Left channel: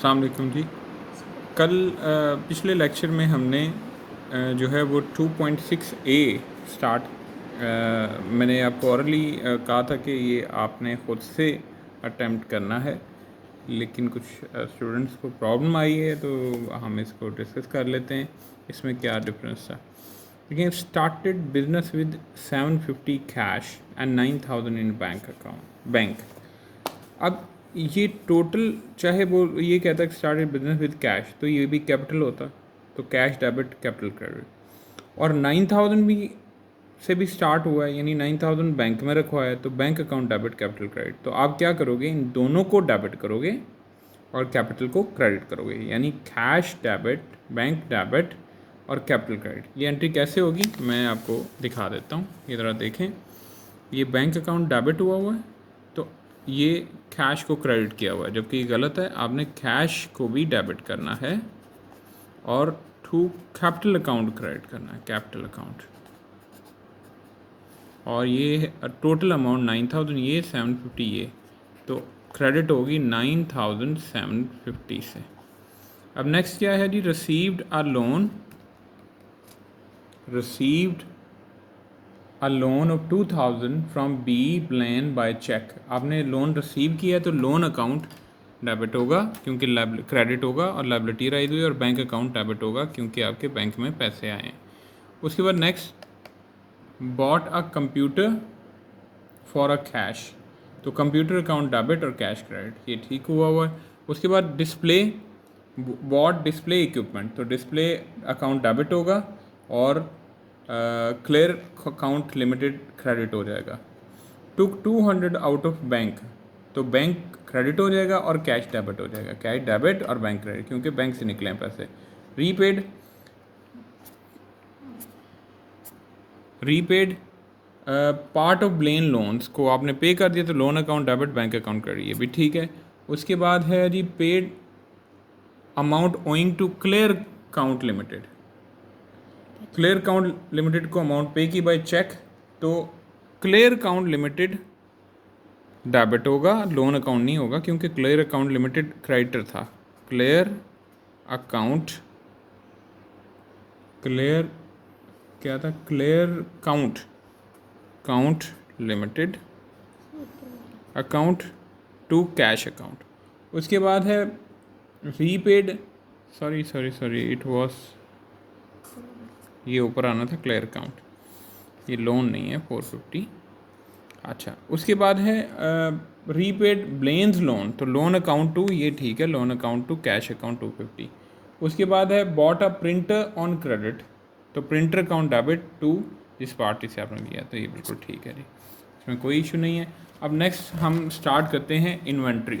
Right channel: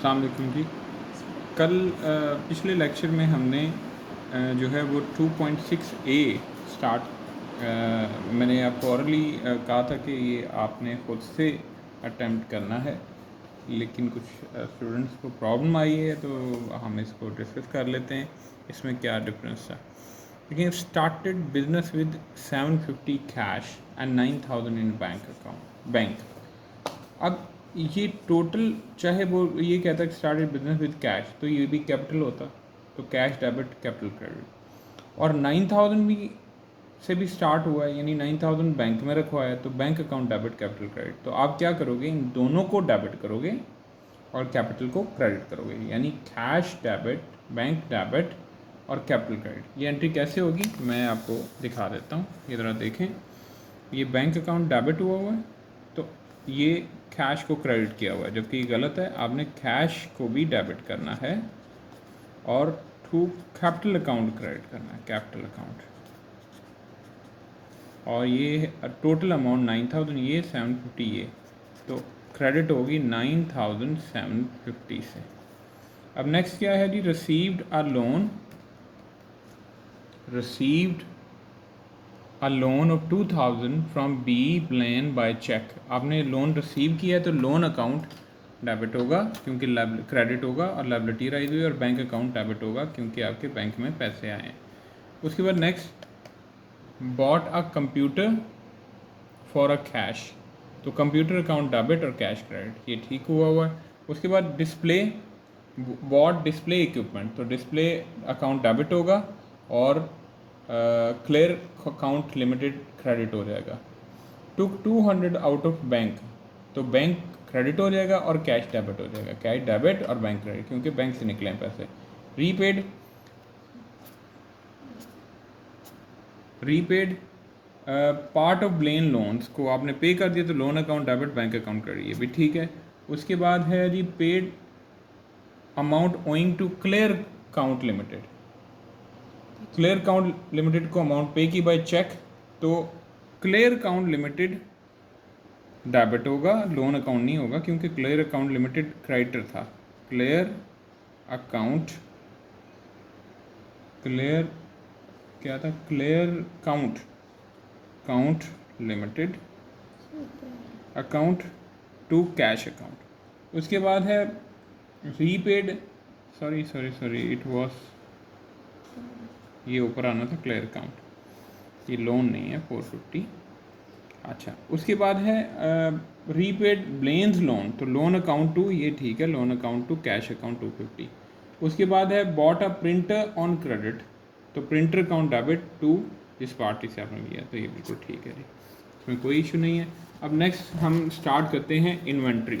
अस्सलाम वालेकुम जी। कल पिछले लेक्चर में हमने जो है वो 2.6 ए स्टार्ट मैंने आपको ऑरली कहा था कि ये आपने ख़ुद से अटेम्प्ट करना है, लेकिन कुछ स्टूडेंट्स को प्रॉब्लम आई है तो हम इसको डिस्कस कर लेते हैं इसमें क्या डिफरेंस था। देखिए, started business with 750 cash and 9000 in bank. अब ये टोटल, चाहे वो ये कहता है कि स्टार्टेड बिजनेस विद कैश, तो ये भी कैपिटल होता, तो कैश डेबिट कैपिटल क्रेडिट। और 9000 भी से भी स्टार्ट हुआ है, यानी 9000 बैंक में रखवा है, तो bank account debit capital credit. तो आप क्या करोगे, इन दोनों को डेबिट करोगे और कैपिटल को क्रेडिट करोगे, यानी कैश डेबिट, बैंक डेबिट और कैपिटल क्रेडिट। ये एंट्री कैसे होगी मैं आपको दिखा देता हूँ। ये ज़रा देखें, ये बैंक अकाउंट डेबिट हुआ है, तो ये कैश को क्रेडिट किया हुआ है, जबकि गलत है। आपने कैश को भी डेबिट करना है और टू कैपिटल अकाउंट क्रेडिट करना है, कैपिटल अकाउंट। और ये टोटल अमाउंट 9000, ये 750, ये तो क्रेडिट होगी 9750 से। अब नेक्स्ट क्या है जी, received a loan, received a loan of 2000 from B plan by cheque. आपने लोन रिसीव किया है तो लोन अकाउंट डेबिट होगा क्योंकि क्रेडिट होगा, और लायबिलिटी राइज हुई, और बैंक अकाउंट डेबिट होगा क्योंकि आपके बैंक में पैसे आए हैं। उसके बाद next, bought a computer for a cash, तो कंप्यूटर अकाउंट डेबिट और कैश क्रेडिट, ये ठीक हुआ है। उसके बाद डिस्प्ले, बॉट डिस्प्ले इक्विपमेंट, तो डिस्प्ले अकाउंट डेबिट होगा और क्लियर अकाउंट लिमिटेड क्रेडिट हो जाएगा। टुक 200 आउट ऑफ बैंक, तो बैंक क्रेडिट हो जाएगा और कैश डेबिट हो जाएगा, कैश डेबिट और बैंक क्रेडिट क्योंकि बैंक से निकले हैं पैसे। Repaid, repaid part of Blair loans को आपने पे कर दिया, तो loan account debit, bank account credit, ये भी ठीक है। उसके बाद है जी paid amount owing to clear account limited, clear account limited को अमाउंट पे की बाय चेक, तो क्लियर अकाउंट लिमिटेड डेबिट होगा, लोन अकाउंट नहीं होगा क्योंकि क्लियर अकाउंट लिमिटेड क्रेडिटर था। क्लियर अकाउंट, क्लियर क्या था, clear account, account limited account to cash account. उसके बाद है रीपेड, सॉरी इट वाज, ये ऊपर आना था क्लियर अकाउंट, ये लोन नहीं है 450। अच्छा, उसके बाद है रीपेड ब्लेन्स लोन, तो लोन अकाउंट टू, ये ठीक है, loan account to cash account 250। उसके बाद है bought a printer on credit, तो प्रिंटर अकाउंट डेबिट टू जिस पार्टी से आपने लिया, तो ये बिल्कुल ठीक है जी, इसमें कोई इशू नहीं है। अब नेक्स्ट हम स्टार्ट करते हैं इन्वेंट्री।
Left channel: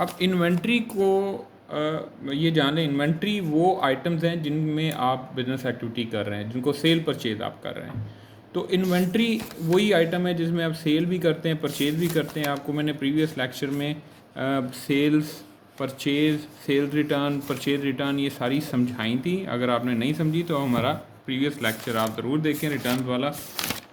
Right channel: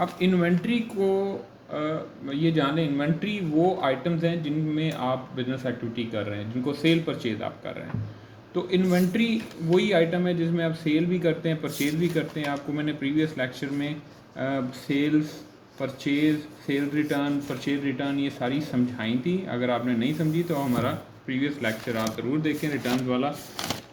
अब इन्वेंट्री को ये जान लें, इन्वेंट्री वो आइटम्स हैं जिनमें आप बिजनेस एक्टिविटी कर रहे हैं, जिनको सेल परचेज आप कर रहे हैं। तो इन्वेंट्री वही आइटम है जिसमें आप सेल भी करते हैं, परचेज भी करते हैं। आपको मैंने प्रीवियस लेक्चर में sales, purchase, sales return, purchase return, ये सारी समझाई थी। अगर आपने नहीं समझी तो हमारा प्रीवियस लेक्चर आप ज़रूर देखें, रिटर्न वाला।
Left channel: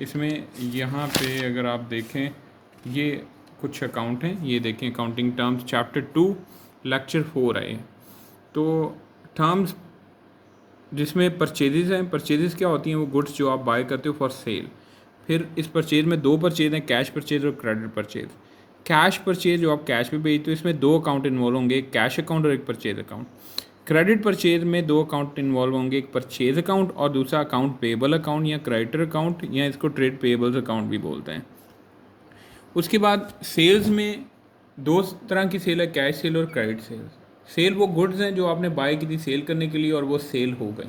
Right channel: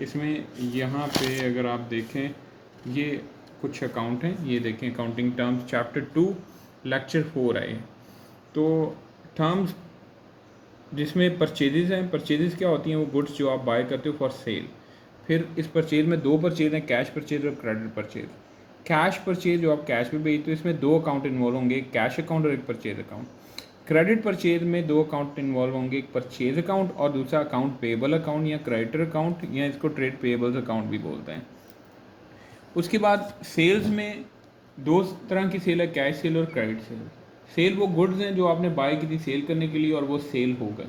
इसमें यहाँ पे अगर आप देखें, ये कुछ अकाउंट हैं, ये देखें, अकाउंटिंग टर्म्स चैप्टर 2 लेक्चर 4 आए। तो टर्म्स जिसमें परचेजेस हैं, परचेजेस क्या होती हैं, वो गुड्स जो आप बाय करते हो फॉर सेल। फिर इस परचेज में दो परचेज हैं, कैश परचेज और क्रेडिट परचेज। कैश परचेज जो आप कैश में बेचते हो, इसमें दो अकाउंट इन्वॉल्व होंगे, एक कैश अकाउंट और एक परचेज अकाउंट। क्रेडिट परचेज में दो अकाउंट इन्वॉल्व होंगे, एक परचेज अकाउंट और दूसरा अकाउंट पेबल अकाउंट या क्रेडिटर अकाउंट, या इसको ट्रेड पेबल्स अकाउंट भी बोलते हैं। उसके बाद सेल्स में दो तरह की सेल है, कैश सेल और क्रेडिट सेल। सेल वो गुड्स हैं जो आपने बाय की थी सेल करने के लिए और वो सेल हो गए,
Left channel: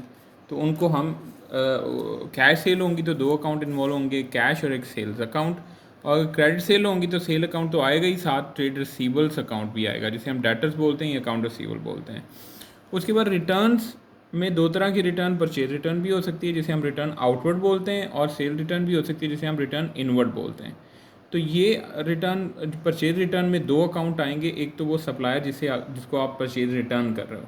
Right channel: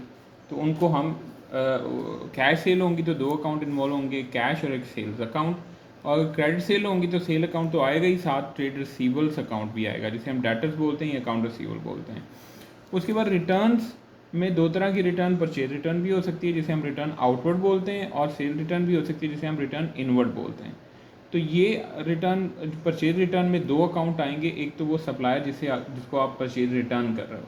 तो उनको हम कैश सेल होंगी तो दो अकाउंट इन्वॉल्व होंगे, कैश और एक सेल्स अकाउंट। और क्रेडिट सेल होंगी तो सेल अकाउंट तो आएगा ही, साथ ट्रेड रिसीवल्स अकाउंट भी आएगा, जिसे हम डेटर्स बोलते हैं या अकाउंट रिसीवल बोलते हैं। उसके बाद रिटर्न्स में दो तरह की रिटर्न, परचेज रिटर्न भी हो सकती है जिसे हम रिटर्न आउटवर्ड बोलते हैं, और सेल रिटर्न भी हो सकती है जिसे हम रिटर्न इनवर्ड बोलते हैं। तो ये रिटर्न, परचेज रिटर्न में दो अकाउंट आएंगे, एक तो वो सप्लायर जिसको आप परचेज रिटर्न कर रहे हो,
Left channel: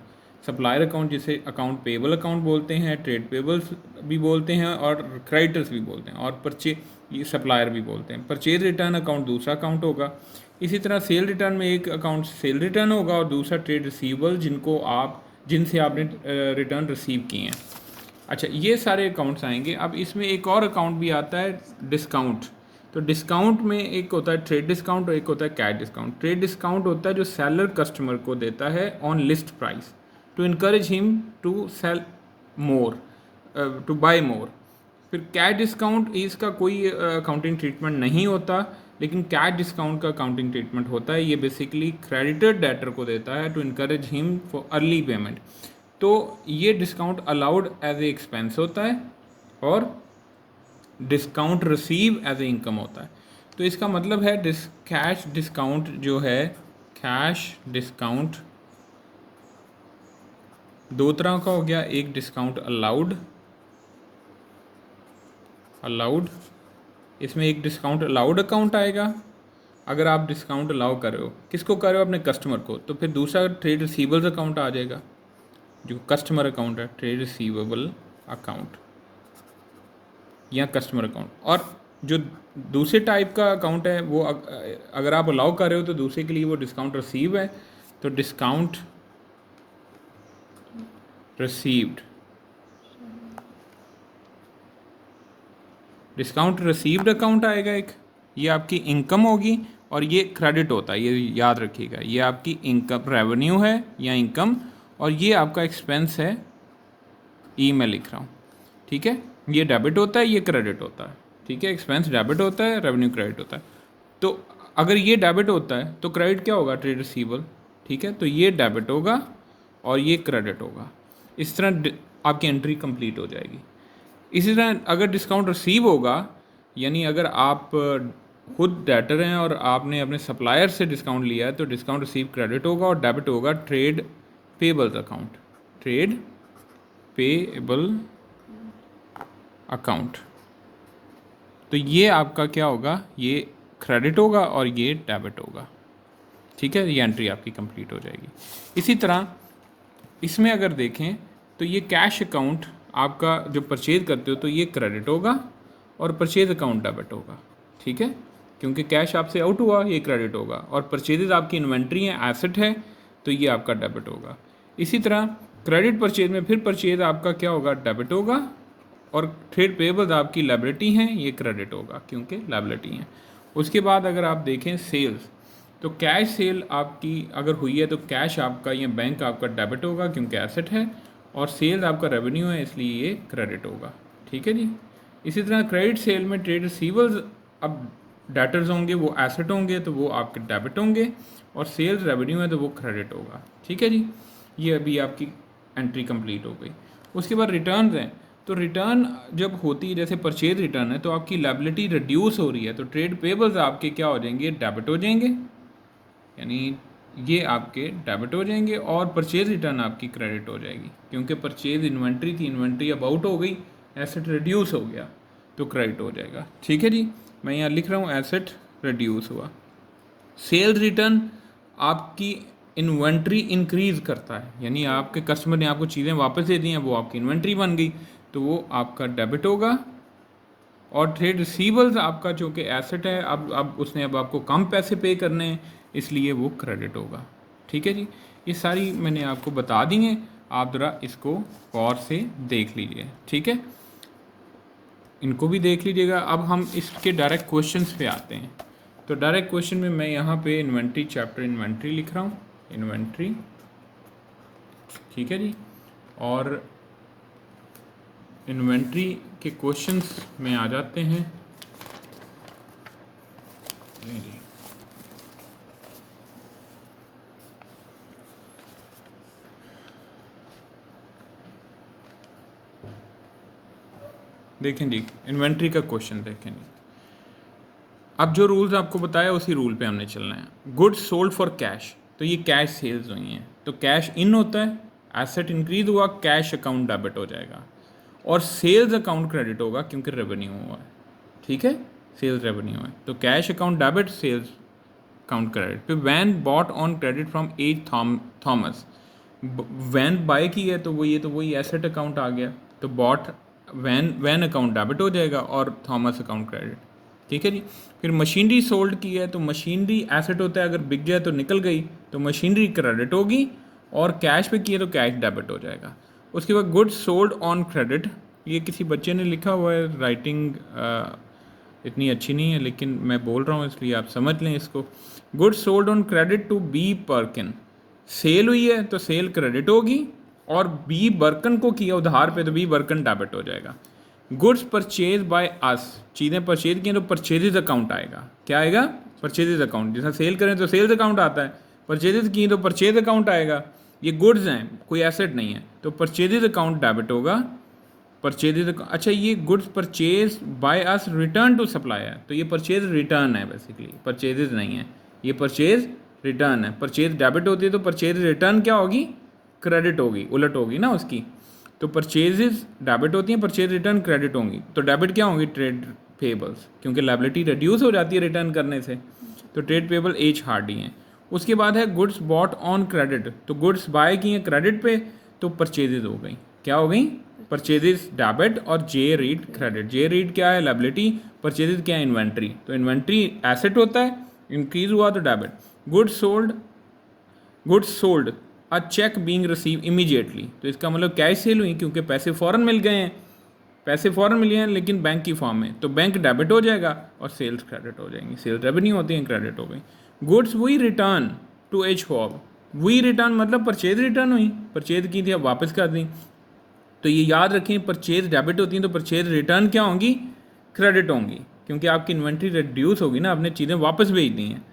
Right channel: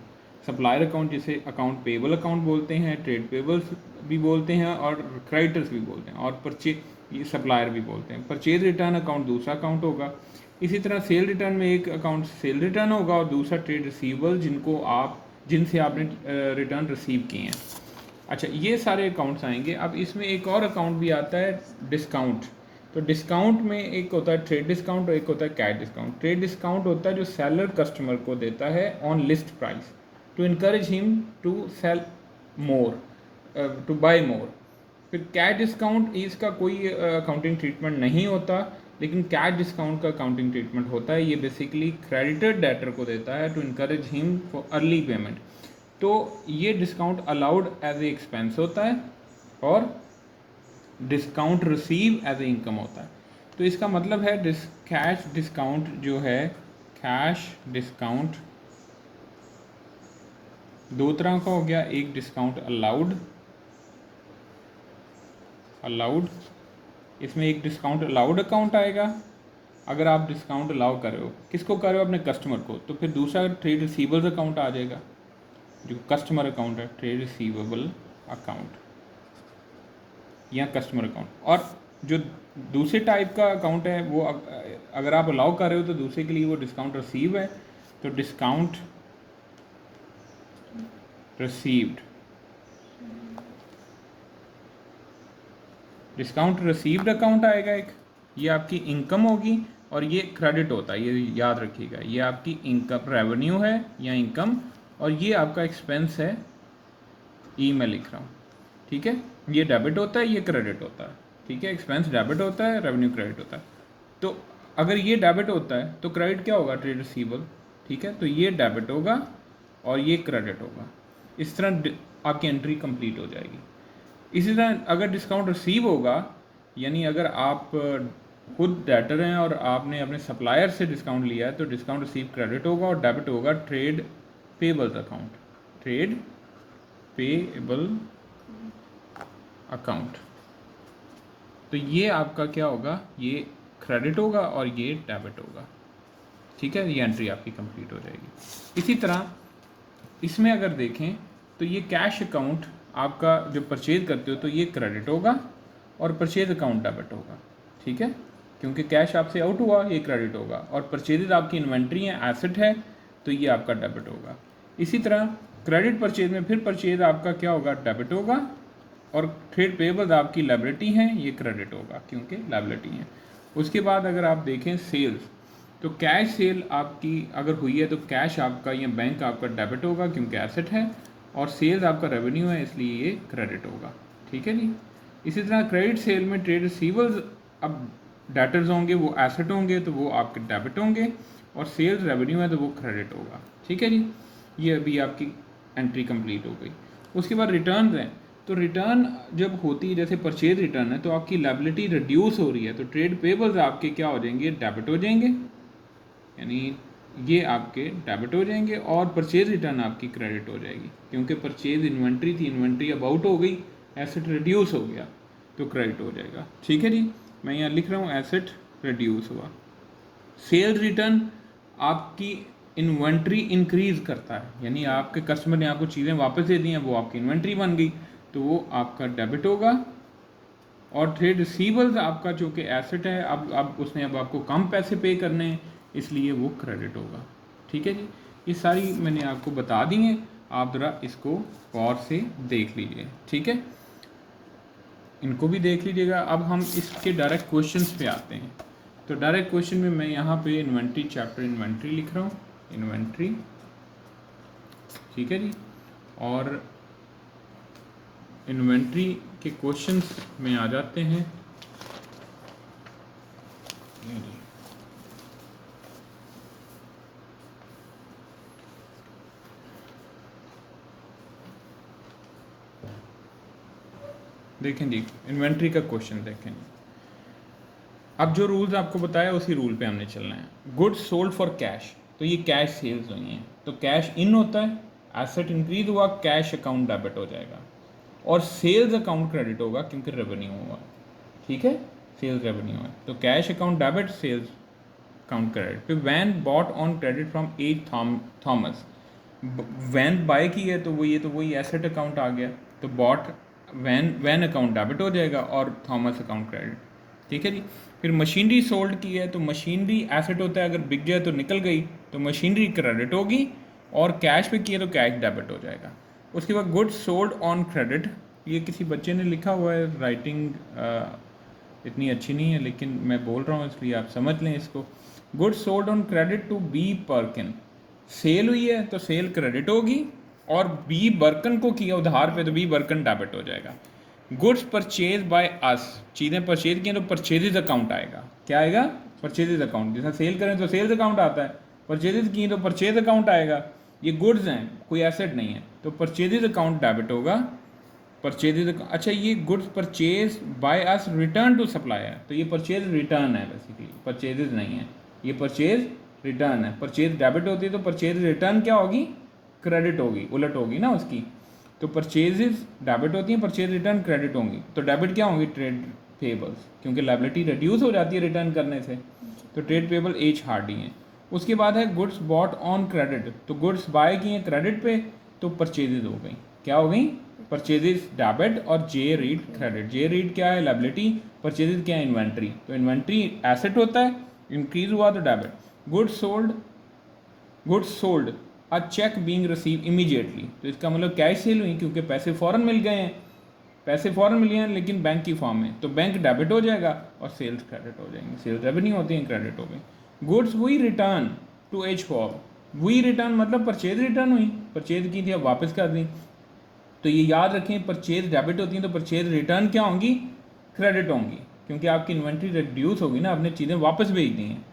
सप्लायर अकाउंट जिसे अकाउंट पेबल अकाउंट बोलते हैं, ट्रेड पेबल्स भी बोलते हैं और क्रेडिटर्स भी बोलते हैं, और परचेज सप्लायर भी बोलते हैं। परचेज रिटर्न अकाउंट दूसरा अकाउंट होगा। इसी तरह सेल रिटर्न में एक अकाउंट सेल रिटर्न होगा और दूसरा ट्रेड रिसीवेबल जिनसे आपने रिटर्न रिसीव किए हैं। अच्छा, ये सारे अकाउंट्स आएंगे। अब इसमें एक और अकाउंट भी आता है डिस्काउंट। तो डिस्काउंट में एक होता है ट्रेड डिस्काउंट और एक होता है कैश डिस्काउंट। ट्रेड डिस्काउंट होता है जो सेलर कस्टमर को देता है on list price to encourage him to sell more, to buy more. फिर कैश डिस्काउंट इसका कोई अकाउंटिंग ट्रीटमेंट नहीं होता, लेकिन कैश डिस्काउंट का अकाउंटिंग ट्रीटमेंट होता है। ये बेसिकली क्रेडिटर डेटर को देता है to encourage him for early payment. तो ये discount allowed as a expense होता है और discount receive as a income होता है। तो इसका मतलब है कैश डिस्काउंट जो है, कैश डिस्काउंट दो तरह का हो गया। एक डिस्काउंट अलाउड, इसमें एक डिस्काउंट अलाउड अकाउंट आएगा। अगर आप डिस्काउंट अलाउ कर रहे हो, किसको कर रहे हो? अपने कस्टमर को। तो फिर दूसरा ट्रेड रिसीवेबल्स अकाउंट आ जाएगा, जो कस्टमर अकाउंट है, ट्रेड रिसीवेबल अकाउंट या कस्टमर अकाउंट। और जो दूसरे टाइप का अकाउंट है वो अगर आप अलाउ कर रहे हो तो दूसरे के लिए वो डिस्काउंट रिसीव है। तो discount received, discount received account आएगा एक। ये आपकी इनकम होगी और ये क्रेडिट होता है, ये याद रखिएगा। ये आपकी इनकम रेवेन्यू है या इनकम, और ये आपका एक्सपेंस है। मैं लिख रहा हूँ, ठीक है। ये डेबिट होता है, ये क्रेडिट होता है, ठीक है। एक्सपेंस डेबिट होता है, रेवेन्यू क्रेडिट होता है। तो अगर ये डेबिट होता है तो क्रेडिट क्या होगा? ट्रेड रिसीवेबल, ठीक है। तो ये डेबिट होगा और ये क्रेडिट होगा। इस तरह आपकी एंट्री कंप्लीट हो जाएगी। इसी तरह अगर डिस्काउंट रिसीव होगा, यानी अगर आप खुद डेटर हैं और आपने अपने सप्लायर से डिस्काउंट लिया है, तो डिस्काउंट रिसीव क्रेडिट होगा और डेबिट होगा trade payables account, trade payable account. तो ये आपका क्या होगा? ये क्रेडिट होगा और ये डेबिट होगा, ठीक है। ये एंट्री आपकी कंप्लीट हो जाएगी। इसी तरह इसमें अगर देखें तो ये कैश अकाउंट आपका जो परचेज करते हो तो ये क्रेडिट होगा और परचेज अकाउंट डेबिट होगा, ठीक है। क्योंकि कैश आपसे आउट हुआ, ये क्रेडिट होगा। और परचेजेज आपकी इन्वेंट्री है, एसेट है, तो ये आपका डेबिट होगा। इसी तरह क्रेडिट परचेज में फिर परचेज आपका क्या होगा? डेबिट होगा। और ट्रेड पेबल्स आपकी लायबिलिटी हैं, ये क्रेडिट होगा क्योंकि लायबिलिटी हैं। उसके बाद अगर आप देखें सेल्स, तो कैश सेल आपकी अगर हुई है तो कैश आपका या बैंक आपका डेबिट होगा क्योंकि एसेट है, और सेल्स आपका रेवेन्यू है इसलिए ये क्रेडिट होगा, ठीक है जी। इसी तरह क्रेडिट सेल में ट्रेड रिसीवेबल्स अब डेटर्स होंगे, वो एसेट होंगे तो वो आपके डेबिट होंगे, और सेल्स रेवेन्यू है तो वो क्रेडिट होगा, ठीक है जी। ये अभी आपकी एंट्री कंप्लीट हो गई। उसके बाद रिटर्न हैं। तो रिटर्न जब होती है, जैसे परचेज रिटर्न है, तो आपकी लायबिलिटी रिड्यूस हो रही है, तो ट्रेड पेबल्स आपके क्या हो जाएंगे? डेबिट हो जाएंगे, यानी ये आपके डेबिट हो जाएंगे, और परचेज रिटर्न आपकी क्रेडिट हो जाएगी क्योंकि परचेज इन्वेंट्री थी, इन्वेंट्री अब आउट हो गई, एसेट रिड्यूस हो गया तो क्रेडिट हो जाएगा, ठीक है जी। मैं यहाँ लिख रहा हूँ एसेट रिड्यूस हुआ। सेल्स रिटर्न आपकी इन्वेंट्री इंक्रीज करता है, यानी आपके कस्टमर ने आपको चीज़ें वापस दे दी हैं, वो आपकी इन्वेंट्री बन गई, तो वो आपका डेबिट होगा। और ट्रेड रिसीवेबल्स आपका जो कि एसेट है, अब उसने अब आपको कम पैसे पे करने हैं, इसलिए वो क्रेडिट होगा, ठीक है जी। ये सारी मैंने आपको बता दी हैं, आप ज़रा इसको गौर से देख लीजिए, ठीक है। इनको भी देख लीजिएगा। अब हम इसके डायरेक्ट क्वेश्चंस पे आते हैं। तो डायरेक्ट क्वेश्चन में मैं यहाँ पे इन्वेंट्री, चैप्टर इन्वेंट्री लिख रहा हूँ, इन्वेंट्री, ठीक है जी। और इन्वेंट्री के क्वेश्चंस में आ जाते हैं। देखें जी, इन्वेंट्री का क्वेश्चन देखेंगे। अब जो रूल्स आपको बताया उसी रूल पे हमने चलना है। गुड्स सोल्ड फॉर कैश, तो ये कैश सेल्स हुई हैं, तो कैश इन होता है, एसेट इंक्रीज हुआ, कैश अकाउंट डेबिट हो जाएगा, और सेल्स अकाउंट क्रेडिट होगा क्योंकि रेवेन्यू हुआ है, ठीक है। सेल्स रेवेन्यू है तो cash account debit, sales account credit. फिर van bought on credit from H Thomas, van buy की है तो वही एसेट अकाउंट आ गया, तो बॉट वैन अकाउंट डेबिट हो जाएगा और थॉमस अकाउंट क्रेडिट। ठीक है जी। फिर मशीनरी सोल्ड की है तो मशीनरी एसेट होता है, अगर बिक जाए तो निकल गई तो मशीनरी क्रेडिट होगी, और कैश पे किया तो कैश डेबिट हो जाएगा। उसके बाद गुड्स सोल्ड ऑन क्रेडिट, ये किसी बच्चे ने लिखा हुआ है, राइटिंग इतनी अच्छी नहीं है लेकिन मैं बोल रहा हूँ इसलिए आप समझ लें इसको। Goods sold on credit to B Perkin, sale हुई है तो सेल क्रेडिट होगी, और बी बर्कन को किया उधार पे तो बी बर्कन डेबिट हो जाएगा। गुड्स परचेज बाय अस, चीज़ें परचेज की तो परचेजेज अकाउंट आएगा। क्या आएगा? Purchases account. जैसा सेल करें तो सेल्स अकाउंट आता है, परचेजेज की तो परचेज अकाउंट आएगा। ये गुड्स हैं, कोई एसेट नहीं है, तो परचेजेज अकाउंट डेबिट होगा। परचेजेज, अच्छा ये goods purchase by us return to supplier, तो ये परचेज रिटर्न है बेसिकली, परचेजेज नहीं है, ये परचेज रिटर्न है। परचेज डेबिट होती है तो परचेज रिटर्न क्या होगी? क्रेडिट होगी, उलट होगी ना उसकी। तो परचेजेज डेबिट होती हैं, परचेज रिटर्न क्रेडिट होंगी। तो डेबिट क्या होंगी? ट्रेड पेबल्स, क्योंकि लायबिलिटी रिड्यूस हो जाती है रिटर्न करने से, तो ट्रेड पेबल एच हार्डी हैं। उसके बाद है गुड्स बॉट ऑन क्रेडिट, तो गुड्स बाय की हैं क्रेडिट पे तो परचेजेज हो गई। क्या हो गई? परचेजेज डेबिट, और जे रीड क्रेडिट। जे रीड क्या है? लायबिलिटी। परचेजेज क्या है? इन्वेंट्री। तो इन्वेंट्री एसेट होता है, इंक्रीज हुआ तो debit. Goods sold a cheque being receive immediately, तो इसका मतलब कैश सेल हुई क्योंकि पैसे फ़ौरन मिल गए हैं, पैसे फ़ौरन मिले हैं लेकिन बैंक की फॉर्म में, तो बैंक डेबिट हो जाएगा और सेल्स क्रेडिट हो जाएंगी। सेल्स रेवेन्यू होती हैं, क्रेडिट हो गई। Goods we return to H form, we return मतलब परचेज रिटर्न हुई, परचेज की थी अब वापस कर दी। तो ये याद रखें, परचेज डेबिट होती हैं तो परचेज रिटर्न क्या होंगी? क्रेडिट होंगी, क्योंकि आपकी इन्वेंट्री रिड्यूस होगी ना, आपने चीज़ें वापस भेज दी हैं।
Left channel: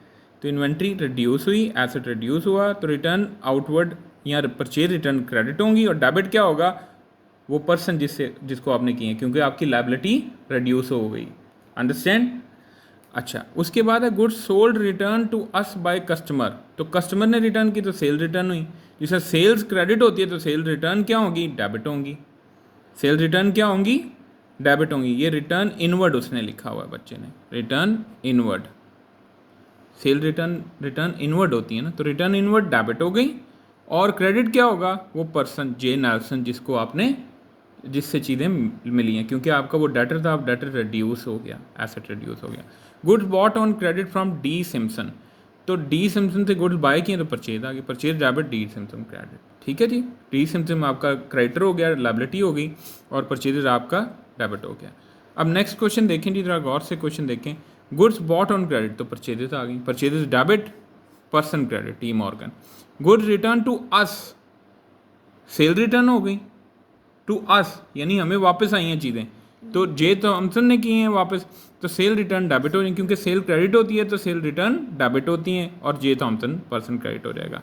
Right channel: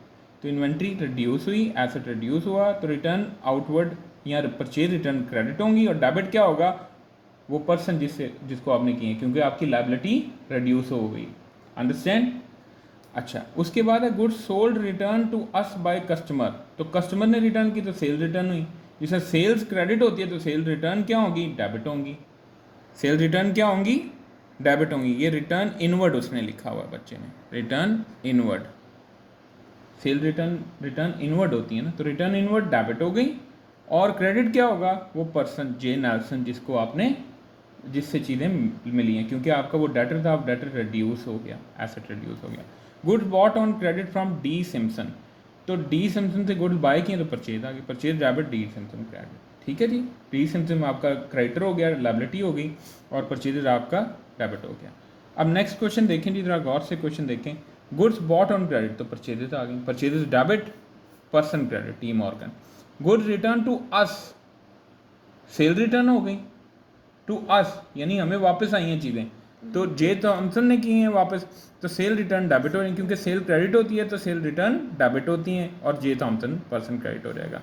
तो इन्वेंट्री रिड्यूस हुई, एसेट रिड्यूस हुआ, तो रिटर्न आउटवर्ड या परचेज रिटर्न क्रेडिट होंगी, और डेबिट क्या होगा? वो पर्सन जिसको आपने किए, क्योंकि आपकी लायबिलिटी रिड्यूस हो गई। अंडरस्टैंड? अच्छा, उसके बाद है goods sold return to us by customer, तो कस्टमर ने रिटर्न की तो सेल रिटर्न हुई। जैसे सेल्स क्रेडिट होती है तो सेल रिटर्न क्या होगी? डेबिट होंगी। सेल रिटर्न क्या होंगी? डेबिट होंगी। ये रिटर्न इनवर्ड उसने लिखा हुआ है बच्चे ने, return inward. Cell return inward होती है ना, तो रिटर्न इनवर्ड डेबिट हो गई, और क्रेडिट क्या होगा? वो पर्सन जे नेल्सन जिसको आपने, जिससे चीज़ें मिली हैं, क्योंकि आपका वो डेटर था, अब डेटर रिड्यूस हो गया, एसेट रिड्यूस हो गया। Goods bought on credit from D Simpson, तो डी सिम्पसन से गुड्स बाय किए तो परचेज आ गई, purchase debit D Simpson credit. ठीक है जी, डी सिम्पसन में आपका क्रेडिटर हो गया, लायबिलिटी हो गई, और परचेज आपका डेबिट हो गया। अब नेक्स्ट क्वेश्चन देखें जी, जरा गौर से क्वेश्चन देखें। गुड्स बॉट ऑन क्रेडिट तो परचेजेस आ गई, purchases debit, person credit T Morgan. Goods return to us, sale return हो गई टू अस, यानी हमें वापस आई हैं चीज़ें, तो जे तो थॉमसन ने किए हैं वापस, तो सेल रिटर्न डेबिट हो रही है, क्योंकि सेल क्रेडिट होती है तो सेल रिटर्न डेबिट होती हैं, और जे थॉमसन पर्सन क्रेडिट हो जाएगा।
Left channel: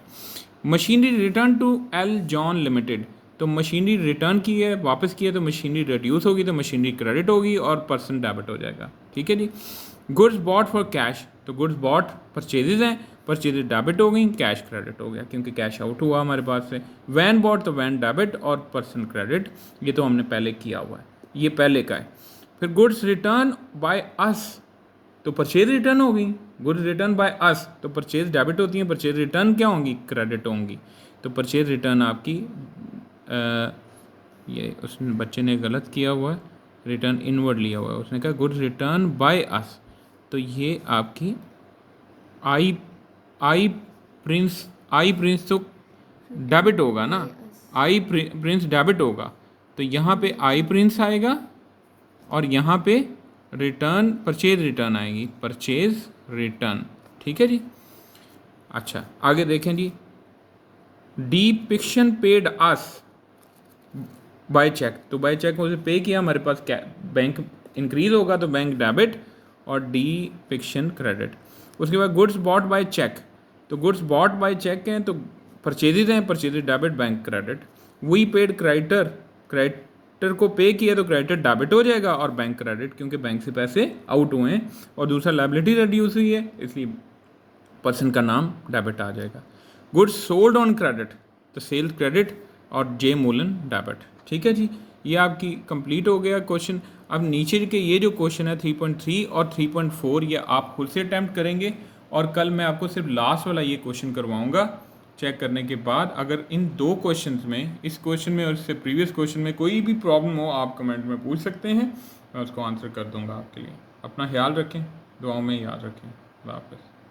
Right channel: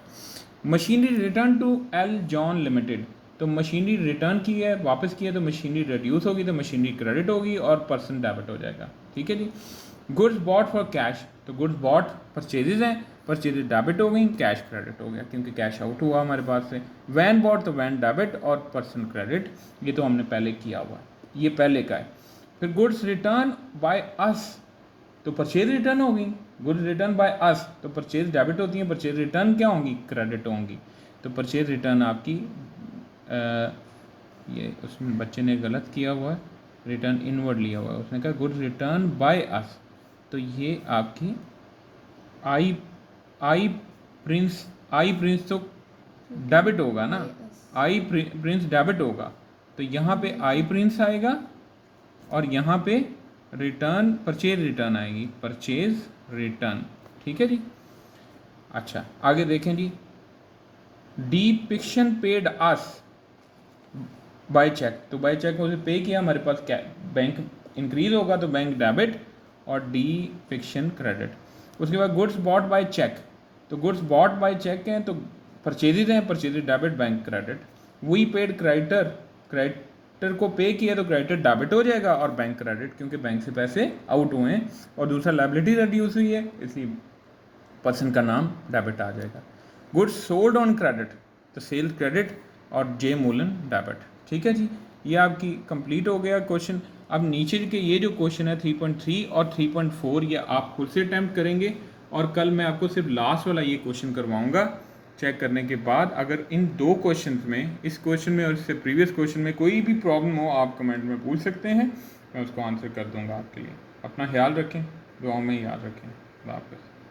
Machinery return to L John limited, तो मशीनरी रिटर्न की है, वापस की है, तो मशीनरी रिड्यूस होगी तो मशीनरी क्रेडिट होगी और पर्सन डेबिट हो जाएगा। ठीक है जी। गुड्स बॉट फॉर कैश, तो गुड्स बॉट परचेजेज हैं, परचेजेज डेबिट हो गई, कैश क्रेडिट हो गया क्योंकि कैश आउट हुआ हमारे पास से। वैन बॉट तो वैन डेबिट और पर्सन क्रेडिट, ये तो हमने पहले किया हुआ है, ये पहले का है। फिर गुड्स रिटर्न बाय अस, तो परचेज रिटर्न होगी, गुड्स रिटर्न बाय अस, तो परचेज डेबिट होती है, परचेज रिटर्न क्या होंगी? क्रेडिट होंगी। तो परचेज रिटर्न आपकी ये उसमें बच्चे ने गलत किया हुआ, रिटर्न इनवर्ड लिया हुआ है, उसने कहा गुड्स रिटर्न बाय अस, तो ये आपकी आई आई प्रिंस तो डेबिट होगा ना, आई प्रिंस डेबिट होगा, तो यहाँ पे आई प्रिंस आएगा, और यहाँ पे रिटर्न परचेज रिटर्न आएगी, परचेज रिटर्न। ठीक है जी। अच्छा आगे देखें जी, डिपिक्शन पेड अस बाय चेक, तो बाय चेक उसे पे किया, हमारे पास क्या, बैंक इंक्रीज होगा तो बैंक डेबिट और डी फिक्शन क्रेडिट। उसके बाद गुड्स बॉट बाय चेक, तो गुड्स बॉट बाय चेक हैं तो परचेजेज हैं, purchases debit bank credit. We paid creditor, creditor को पे किया तो क्रेडिटर डेबिट हो जाएगा और बैंक क्रेडिट, क्योंकि बैंक से पैसे आउट हुए हैं, और दूसरा लायबिलिटी रिड्यूस हुई है इसलिए पर्सन का नाम डेबिट आ जाएगा। गुड्स सोल्ड ऑन क्रेडिट, तो सेल्स क्रेडिट और जे मूलन डेबिट। ठीक है जी, ये आपकी कंप्लीट हो गया क्वेश्चन। अब नीचे के ये जो क्वेश्चन है 3.3 और 3.4 ये आप खुद से अटैम्प्ट करेंगे, और कल मैं आपको सिर्फ लास्ट वाला ये क्वेश्चन करवाऊंगा। चेक करने के बाद अगर इन दो क्वेश्चंस में, इस क्वेश्चन में और इससे प्रीवियस क्वेश्चन में कोई भी प्रॉब्लम हो, आप कमेंट में पूछ सकते हैं, मैं उसको आंसर कर दूंगा आपके लिए। अपना ख्याल रखें, दुआओं में याद रखें। अल्लाह हाफ़िज़।